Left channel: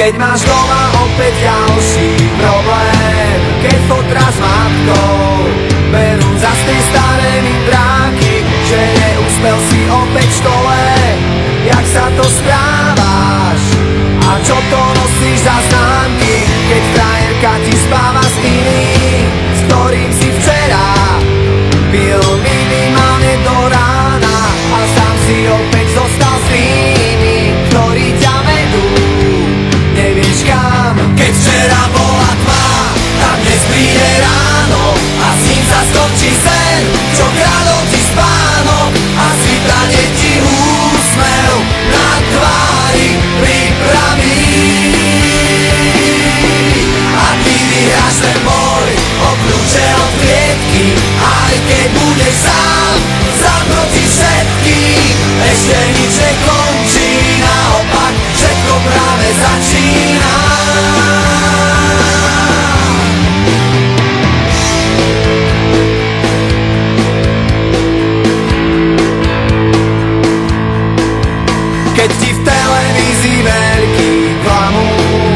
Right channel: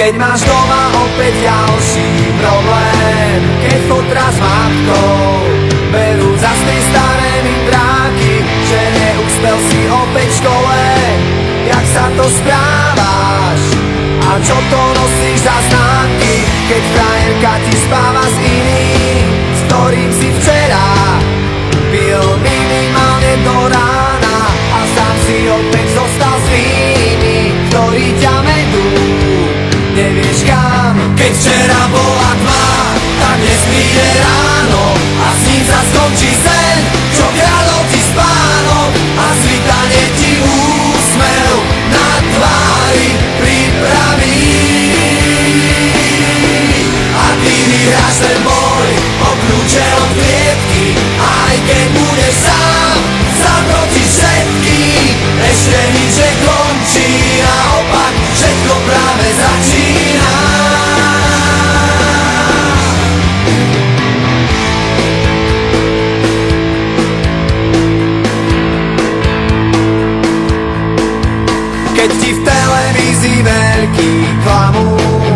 Keď máš doma opäť ďalší problém, keď fotra s matkou berú za z tej staré mindráky, že neúspel si opäť v škole. Jak sa to správaš? A čo to nosíš za známky, keď frajerka ti spáva s iným, s ktorým si včera pil minimálne do rána a sám si opäť zostal s tými, ktorí ťa vedú nevieš kam. Keď včera bola tma, tak dnes príde ráno a s ním sa skončí sen, čo kradol ti spánok a svitanie ti úsmev na tvári pripraví. A ty vyhráš ten boj o kľúče od klietky, aj keď budeš sám proti všetkým. Ešte nič nekončí, naopak všetko práve začína. Keď ti v televízii veľký klamú